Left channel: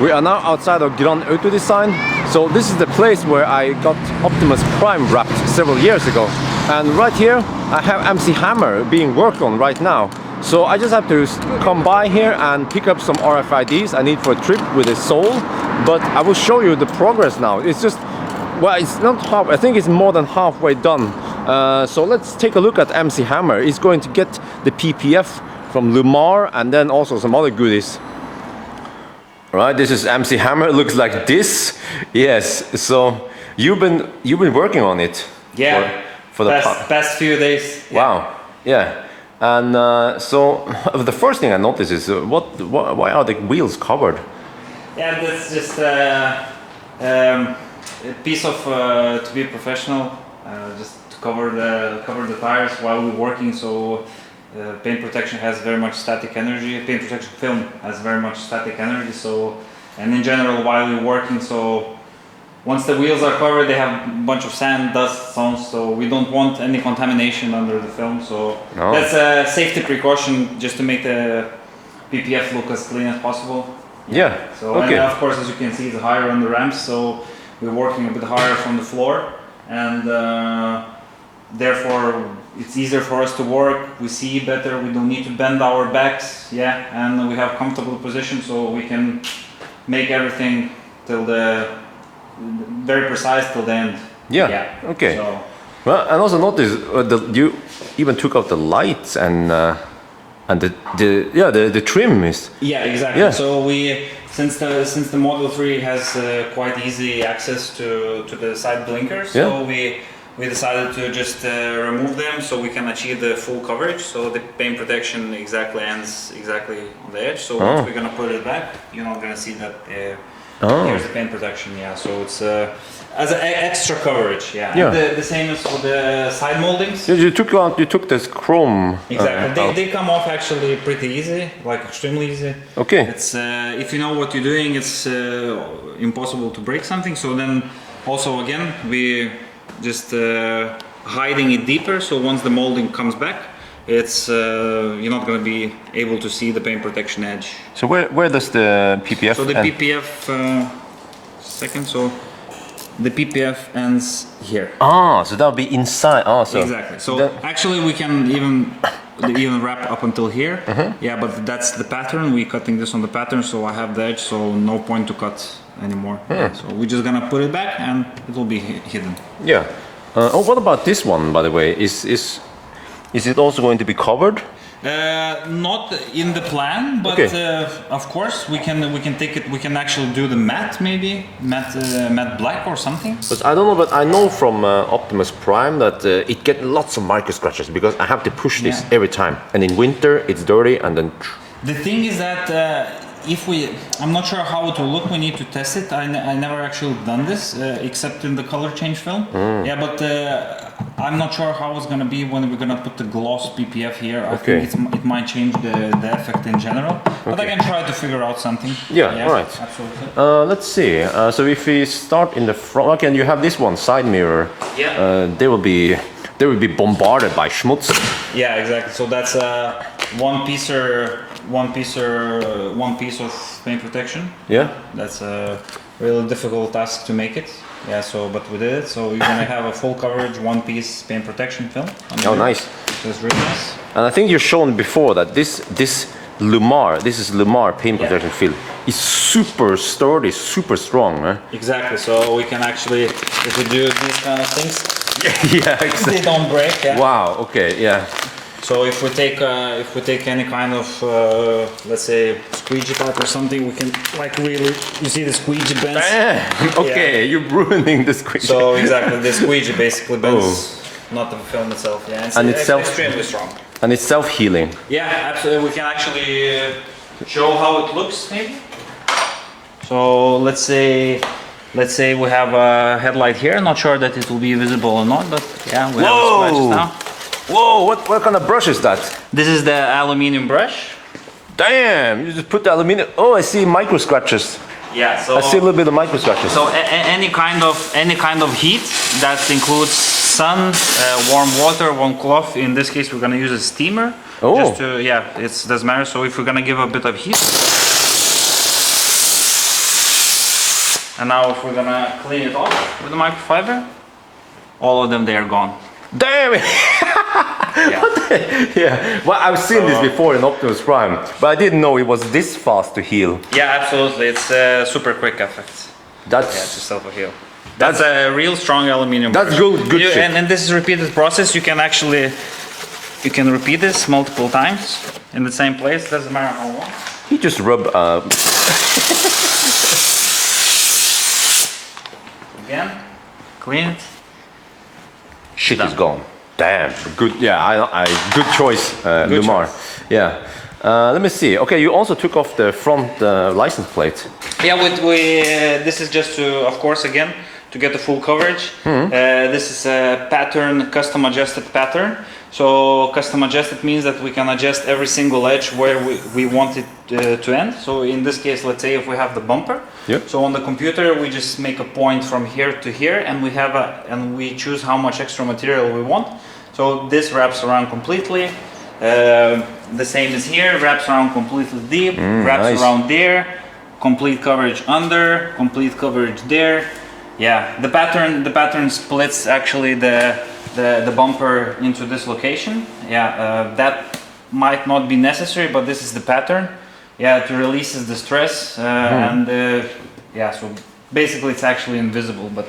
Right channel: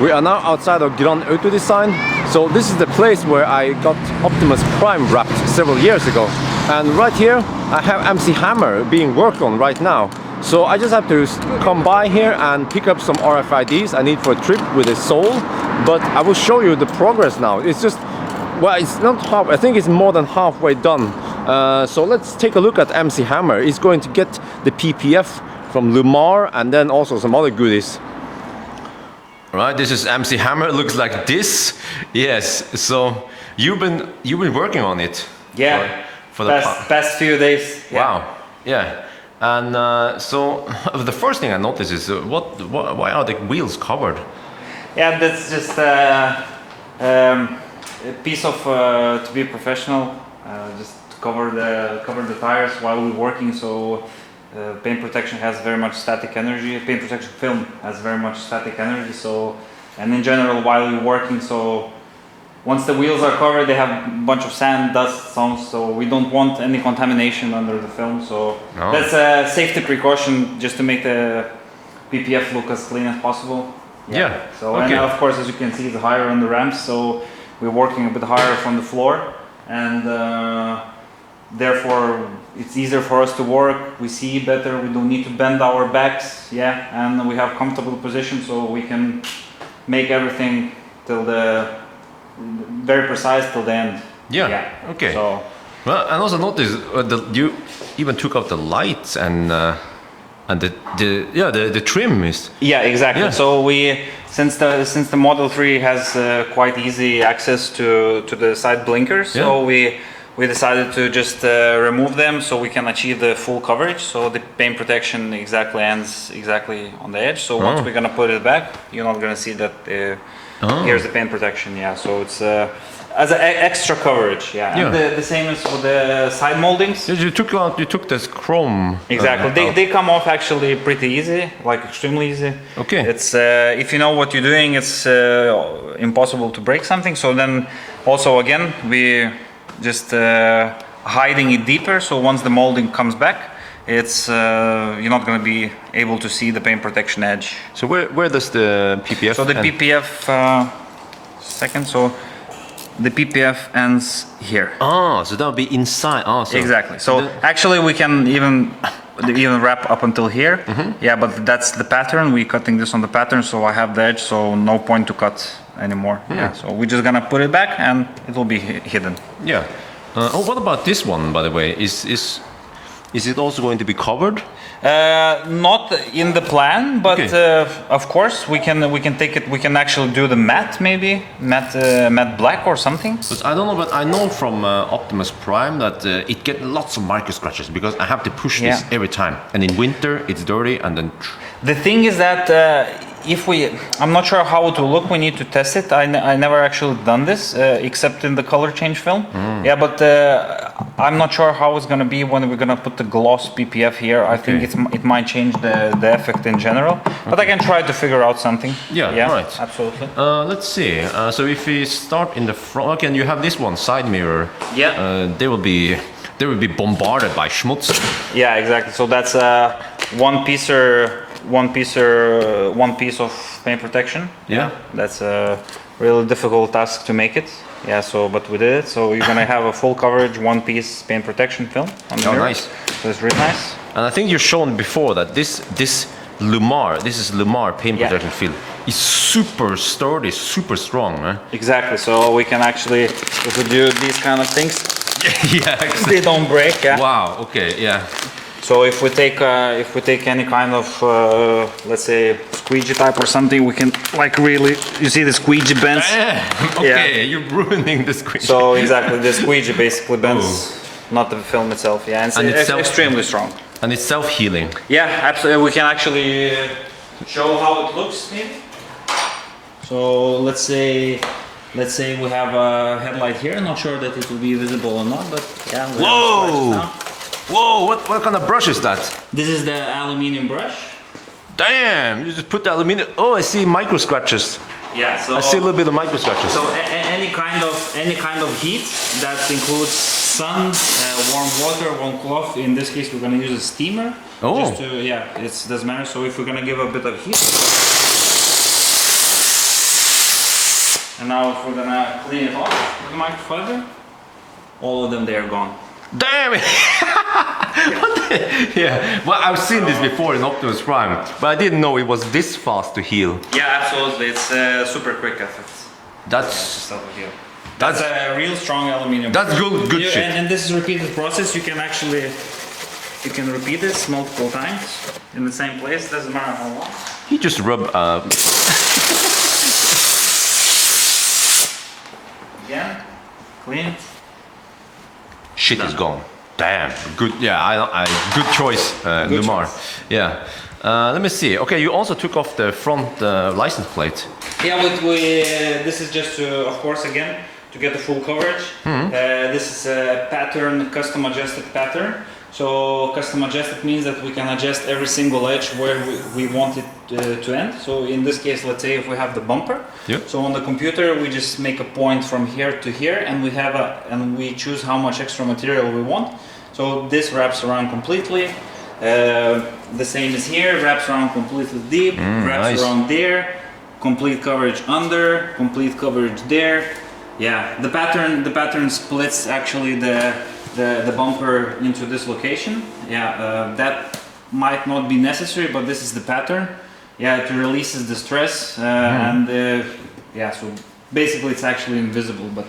We are now outside of Grand Autodesign. So this is the place where I got Optimus Prime wrapped several years ago. And right here I have MC Hammer being worked on right now. So I just have to come by here and pick up some RFIDs I need for a trip with a Soul. But I will show you the progress now. It's just, well, it's not half, I think it's more than halfway done. So let's take a look at MC Hammer. He's going to get the PPF from LLumar and then also some other goodies. Right, this is MC Hammer. It looks like this. Yes. So you've been working on it. Yeah. For the past few days. Yeah. Wow. Yeah. And so the first thing I noticed is why are the wheels covered? Yeah, that's just a piece of to be professional, just to cover the tires while we're working. So paint protection has very much static energy. Paint protection film has very much static energy. So, and in general, while you're working, so once the wheels are covered, they have a bunch of sand, dust, stones. So we don't want any contamination under the film. So that's a safety precaution, just to make the PPF look as clean as possible. Yeah. So, and of course, as you can see, it's higher on the ramps. So we're working a bit higher from the floor, and therefore it's easier for us to work. We see better. We don't need to bend our backs. Yeah, and we have comfortable position, so we can make everything till the very precise till the end. Yeah. Okay. So, well, I also noticed that you even took out the lights and the trim is. Yeah, exactly. Yeah. So we since the Model 3 has quite easy access to the side blinkers, so we decided to just remove them so we can achieve the full coverage. So the paint protection exactly ends exactly on the edge. So once we're gonna put it back, you're not gonna see that. Here's the paint protection. Yeah. So it's as an extra coverage. Yeah. And the same is for the side moldings. So you took this chrome. Exactly. They come off actually pretty easy, like extremely easy. Okay. It's if you know what you're doing, it's impossible to break something. So then also again we just hiding it deeper. So once the molding comes back, it's you're not going to be able to see the paint protection edge. So where does the PPF? So the PPF so the PPF ends here. Ah, so that'll be inside. Oh, so exactly. So actually we can even wrap up until here. Yeah, but that's the pattern. We're cutting this on the pattern, so I have the edge, so no point to cut anymore. Yeah. So we're just gonna put it back and it will be hidden. Yeah. What about this one, by the way? Is it also going to be covered? Not in the plan, but of course we can take it. We can actually do the matte, maybe matte black or something. But I don't know. But I know from Optimus Prime that it gets lots of micro scratches because I have to push this every time. And in winter it's dirty, and then. The thing is that I'm not sure how it will look. We need to test it. I never actually done this except in the color change film. Yeah, but I'm not sure how it's gonna be when we're gonna put the gloss PPF here. I think it might change the effect in general. But I can try to figure out something. Yeah, right. Absolutely. Let's see. So if we start in the front, okay, you have this one side mirror. Yeah. They will be bombarded by schmutz. Yeah, exactly. So that's one piece of paint protection. Yeah. That's a really difficult task to make it. Yeah, so but we did it. So you're gonna have a full coverage, one piece paint protection film on the mirror. Nice. So it's really nice. And I think you've shown before that this LLumar paint protection film is super sturdy, super strong. Eh? Exactly. So we can actually, if we do these kind of things, exactly. They don't break. Yeah. Wow. Okay. Yeah. So if we take any kind of let's say squeegee pipe or something, we can like really, you see the squeegee bends. Okay, you're ruining the squeegee. So exactly, the squeegee basically bends, not the film itself. Yeah, and it's extremely strong. And it's self-healing. Yeah, absolutely. We can actually show how it looks, maybe. So let's say we have a headlight here. Not sure that it will be visible or not, but yeah, we have scratches now. Whoa, what kind of brush is that? This is the aluminum brush. Damn, you just put the aluminum. Oh, I see micro scratches. Yeah, so I see a little bit of micro scratches. So any kind of heat that includes sun, warm water, warm cloth. In this case, we're gonna use a steamer. Oh. Just to it doesn't matter. So if we're gonna give a bit of heat. And now if we're gonna clean it off with the microfiber, all of them, they are gone. Damn it! Yeah. Yeah, well, I've seen this before in Optimus Prime, but I didn't know it was this fast to heal. Yeah, absolutely. It's a super quick effect. That's To self-heal. That's a real strong aluminium. That's good shit. And this is repeated process. You can actually repeat this multiple times in the same place. Doesn't matter how long. You just rub. Again, clean it. Shit is gone. Damn. Good. Yeah. I good choice. Good LLumar. choice. Yeah. Let me see. Okay, you also took off the front license plate. Yeah, this is just to, of course, again, to get the full coverage. This is a pattern, custom adjusted pattern. So custom adjusted means that we can adjust every single edge where we want it to end. So in this case, let's say if we have the bumper. Yep. So on the computer, we just make a point from here to here, and we choose how much extra material we want. So this wraps around completely. The same as here, wraps around completely deep, wraps nice. around there, complete coverage under, complete coverage there. Yeah, the pattern splits actually the bumper into this location. Yeah, that might not be necessary, but this is the pattern. Yeah, it releases the stress and yeah, so basically it's actually invisible, but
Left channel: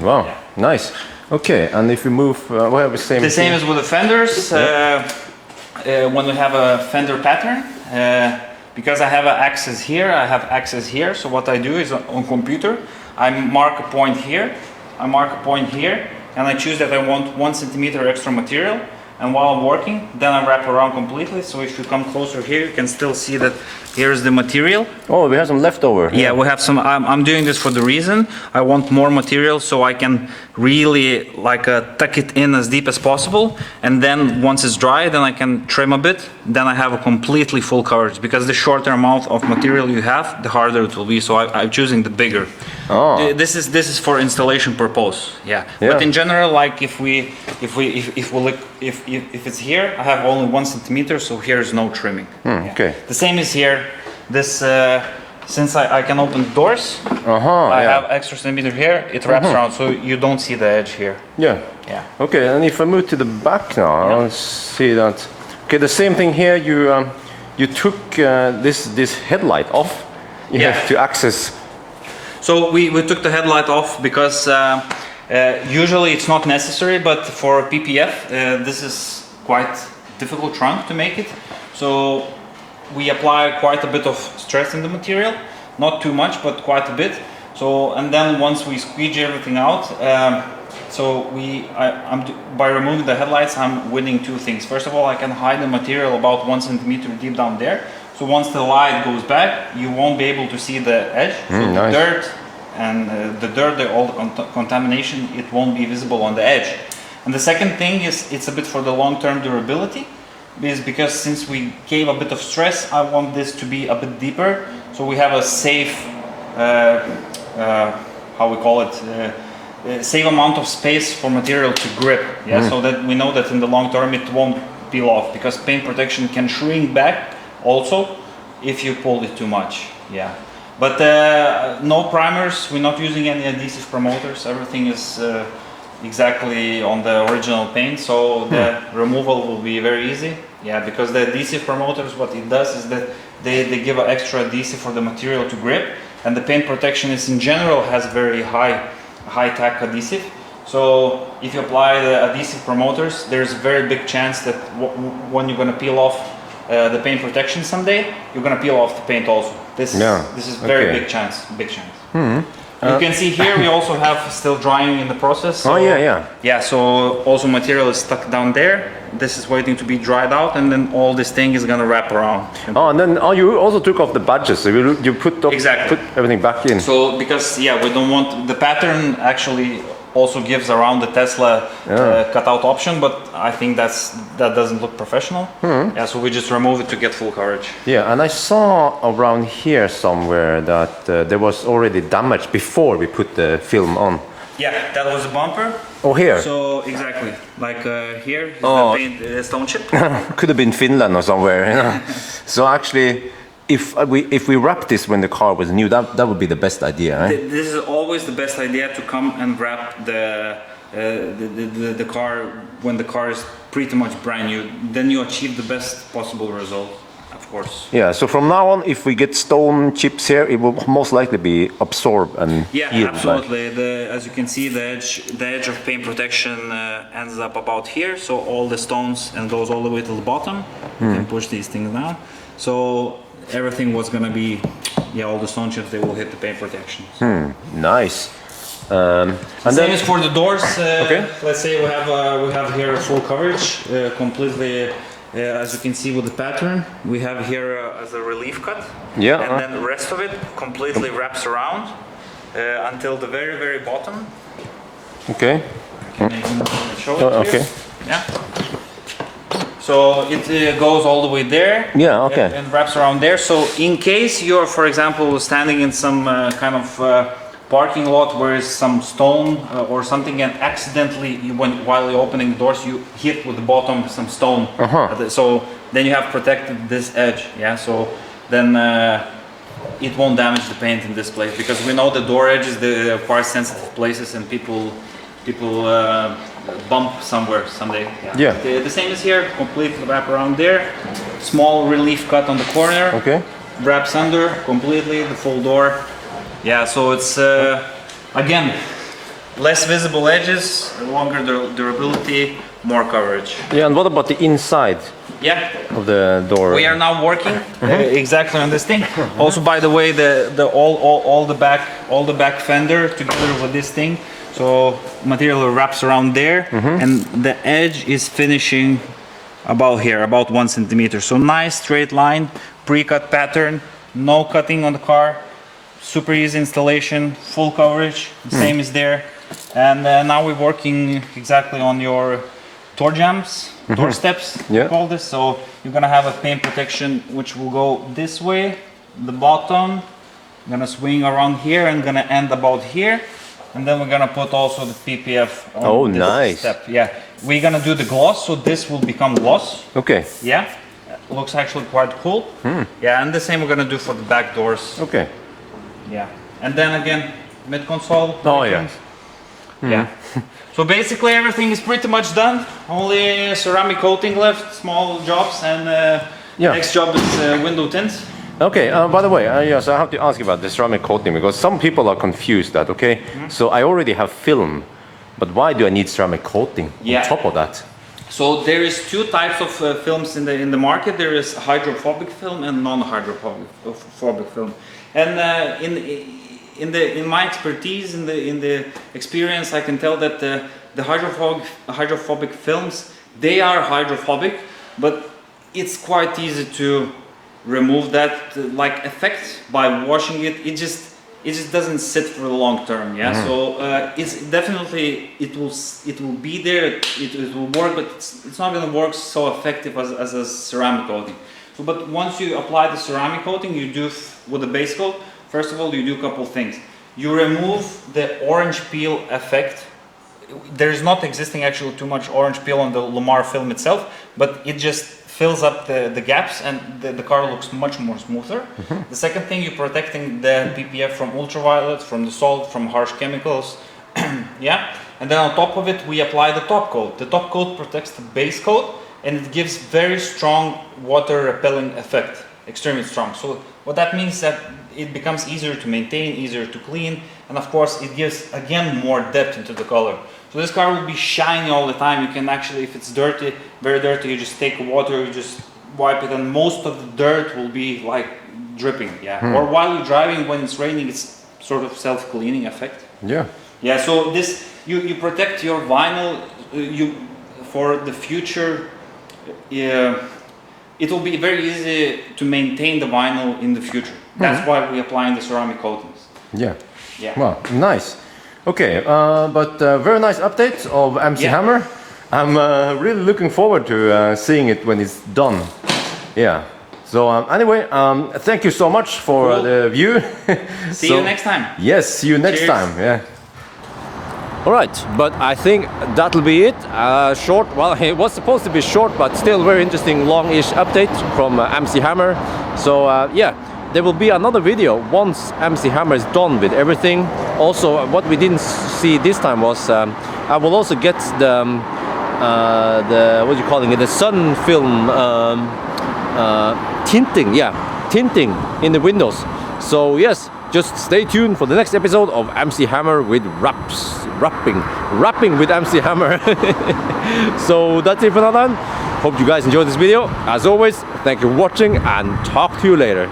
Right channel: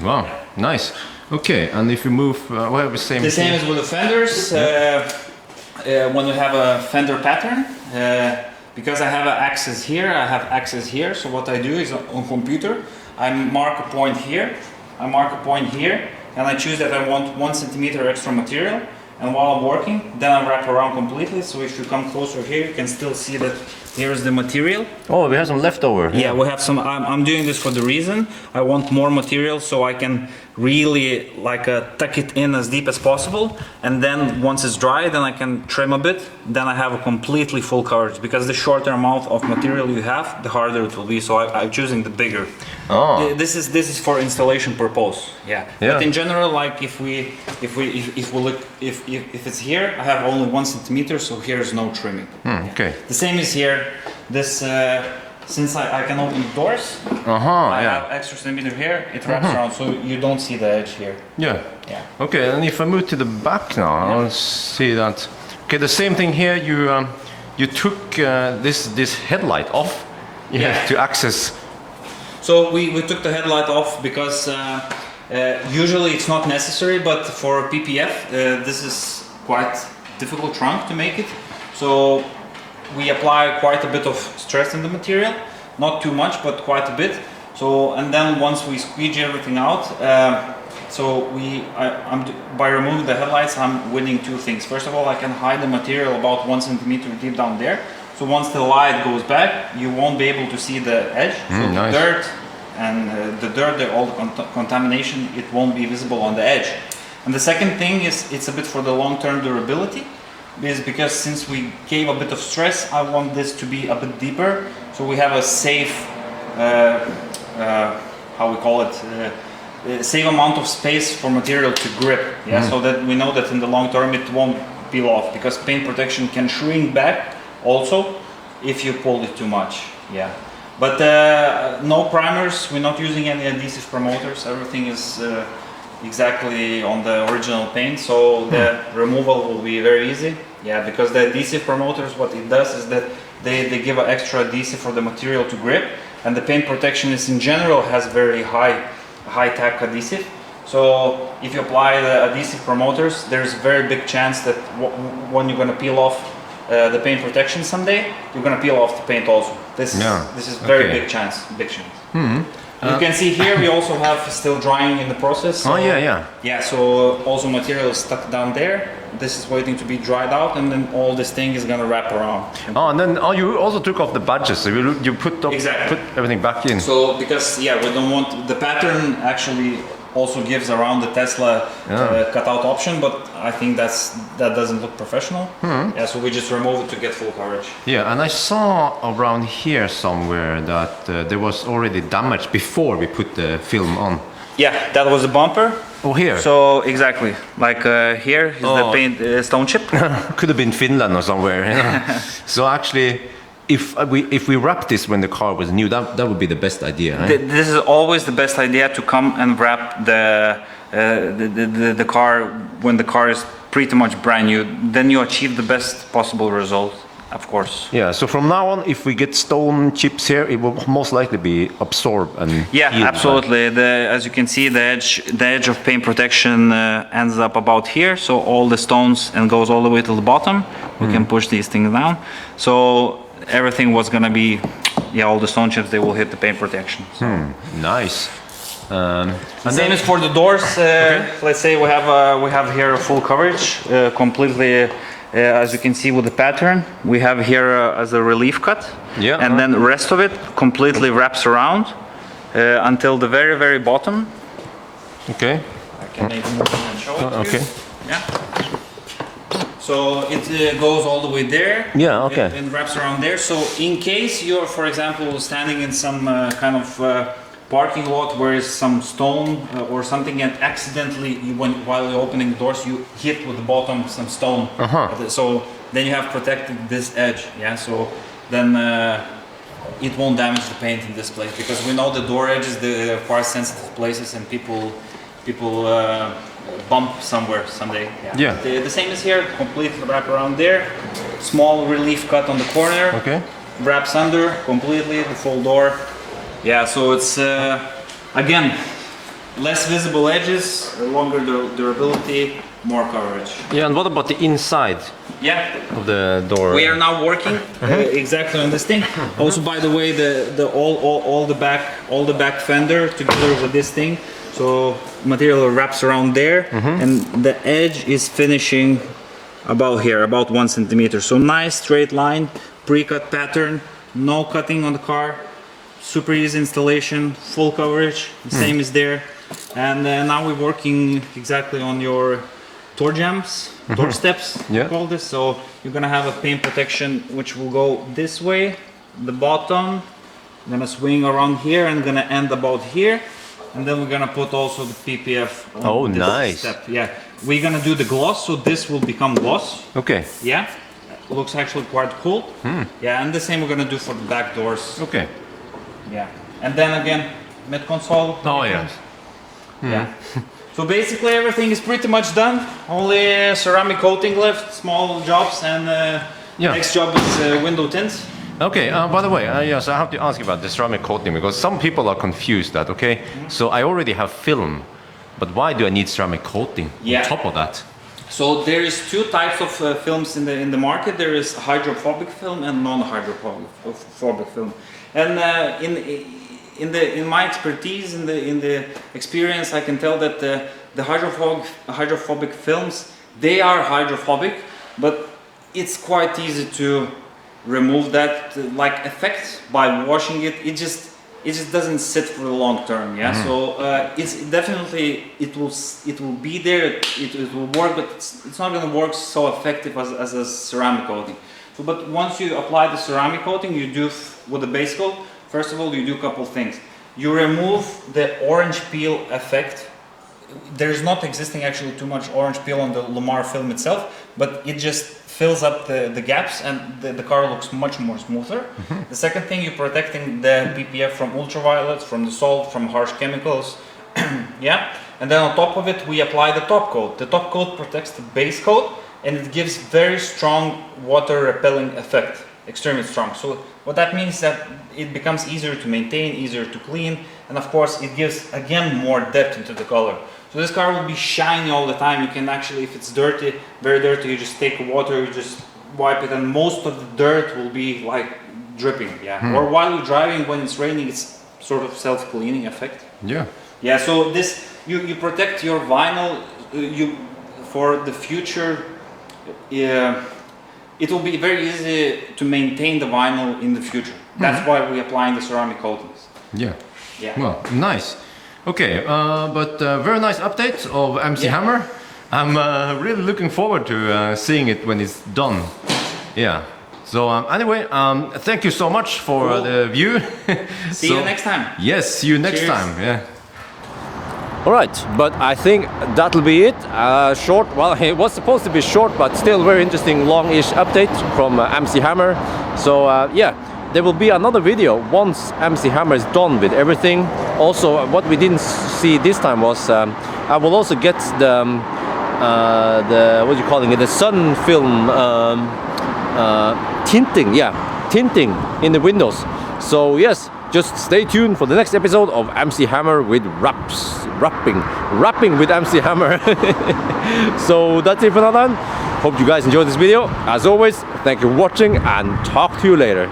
Wow. yeah. Nice. Okay, and if we move, we have the same. The same as with the fenders. When we have a fender pattern, because I have an axis here, I have axis here. So what I do is on computer, I mark a point here, I mark a point here, and I choose that I want 1 centimeter extra material. And while I'm working, then I wrap around completely. So if you come closer here, you can still see that here's the material. Oh, we have some leftover. Yeah, we have some. I'm doing this for the reason I want more material so I can really tuck it in as deep as possible, and then once it's dry, then I can trim a bit. Then I have a completely full coverage, because the shorter amount of material you have, the harder it will be. So I'm choosing the bigger. Oh. This is for installation purpose. Yeah. But in general, like if we look, if it's here, I have only 1 centimeter, so here's no trimming. Yeah. Okay. The same is here. This since I can open the doors, I have extra centimeter here. It wraps around, so you don't see the edge here. Yeah. Yeah. Okay, and if I move to the back now, Yeah. I'll see that. Okay, the same thing here. You took this headlight off. You Yeah. have to access. So we took the headlight off because usually it's not necessary, but for PPF this is quite difficult trunk to make it. So we apply quite a bit of stress in the material, not too much, but quite a bit. So and then once we squeeze everything out, by removing the headlights, I'm winning two things. First of all, I can hide the material about 1 centimeter deep down there. So once the light goes back, you won't be able to see the edge. So the dirt and all the contamination, it won't be visible on the edge. And the second thing is it's a bit for the long-term durability, because since we gave a bit of stress, I want this to be a bit deeper. So we have a safe, how we call it, safe amount of space for material to grip. Yeah, so that we know that in the long term it won't peel off, because paint protection can shrink back also if you pull it too much. Yeah, but no primers. We're not using any adhesive promoters. Everything is exactly on the original paint, so the removal will be very easy. Yeah, because the adhesive promoters, what it does is that they give an extra adhesive for the material to grip, and the paint protection is in general has very high tack adhesive. So if you apply the adhesive promoters, there's a very big chance that when you're going to peel off the paint protection someday, you're going to peel off the paint also. This is very big chance. You can see here we also have still drying in the process. So yeah, so also material is stuck down there. This is waiting to be dried out, and then all this thing is going to wrap around. Oh, and then you also took off the badges. So you put everything back in. So because we don't want the pattern actually also gives around the Tesla cutout option, but I think that doesn't look professional. Yeah, so we just remove it to get full coverage. Yeah, and I saw around here somewhere that there was already damage before we put the film on. Yeah, that was a bumper. Oh, here. So exactly, like here is the paint stone chip. Could have been Finland or somewhere. Yeah. So actually, if we wrap this when the car was new, that would be the best idea. Eh? This is always the best idea, to come and wrap the car when the car is pretty much brand new. Then you achieve the best possible result, of course. Yeah. So from now on, if we get stone chips here, it will most likely be absorbed and yeah, healed, absolutely. As you can see, the edge of paint protection ends up about here. So all the stones and goes all the way to the bottom. We can push these things down. So everything was gonna be, yeah, all the stone chips, they will hit the paint protection. So. Nice. Same as for the doors. Let's say we have here a full coverage, completely, as you can see with the pattern. We have here as a relief cut, and then the rest of it completely wraps around until the very, very bottom. Okay. I can make it short. Okay. Yeah. So it goes all the way there. Yeah. Okay. And wraps around there. So in case you're, for example, standing in some kind of parking lot where is some stone or something, and accidentally while you're opening the doors you hit with the bottom some stone, so then you have protected this edge, yeah, so then it won't damage the paint in this place, because we know the door edges, they're quite sensitive places, and people bump somewhere someday. Yeah. The same is here, completely wrap around there, small relief cut on the corner, wraps under completely the full door. Yeah, so it's again less visible edges, longer durability, more coverage. Yeah, and what about the inside? Yeah, of the door? We are now working exactly on this thing. Also, by the way, all the back fender together with this thing. So material wraps around there, and the edge is finishing about here, about 1 centimeter. So nice straight line, pre-cut pattern, no cutting on the car. Super easy installation, full coverage, same is there. And now we're working exactly on your door jambs, door steps, we call this. So you're gonna have a paint protection which will go this way, the bottom, gonna swing around here and gonna end about here. And then we're gonna put also the PPF on this step. Yeah, we're gonna do the gloss, so this will become gloss. Okay. Yeah, looks actually quite cool. Yeah, and the same we're gonna do for the back doors. Okay. Yeah, and then again, mid console. Yeah. So basically everything is pretty much done. Only ceramic coating left, small jobs, and next job is window tint. Okay. By the way, yes, I have to ask about the ceramic coating, because some people are confused that. Okay, so I already have film, but why do I need ceramic coating on top of that? So there is two types of films in the market. There is hydrophobic film and non-hydrophobic film. And in my expertise, in the experience, I can tell that the hydrophobic films, they are hydrophobic, but it's quite easy to remove that like effect by washing it. It just doesn't sit for the long term. Yeah. So it's definitely it will be there. It will work, but it's not going to work so effective as a ceramic coating. So, but once you apply the ceramic coating, you do with the base coat. First of all, you do a couple things. You remove the orange peel effect. There is not existing actually too much orange peel on the LLumar film itself, but it just fills up the gaps, and the car looks much more smoother. The second thing, you're protecting the PPF from ultraviolet, from the salt, from harsh chemicals. Yeah, and then on top of it, we apply the top coat. The top coat protects the base coat, and it gives very strong water repelling effect, extremely strong. So what that means is that it becomes easier to maintain, easier to clean, and of course it gives again more depth into the color. So this car will be shiny all the time. You can actually, if it's dirty, very dirty, you just take water, you just wipe it, and most of the dirt will be like dripping. Yeah. Or while you're driving, when it's raining, it's sort of self-cleaning effect. Yeah. Yeah. So this you protect your vinyl for the future. It will be very easy to maintain the vinyl in the future. That's why we're applying the ceramic coatings. Yeah. Yeah. Well, nice. Okay, but very nice update of MC Hammer. I'm really looking forward to seeing it when it's done. Yeah. So anyway, thank you so much for the view. See you next time. Yes, see you next Cheers. time. Yeah. Alright, but I think that'll be it. Short, well, it was supposed to be short, but still very interesting, long-ish update from MC Hammer. So yeah, there will be another video once MC Hammer is done with everything. Also, what we didn't see this time was I will also get the what are you calling it? The sun film tinting, yeah, tinting in the windows. So yes, just stay tuned for the next episode of MC Hammer with rapping with MC Hammer. So that's it for now then. Hope you guys enjoyed this video. As always, thank you for watching and talk to you later.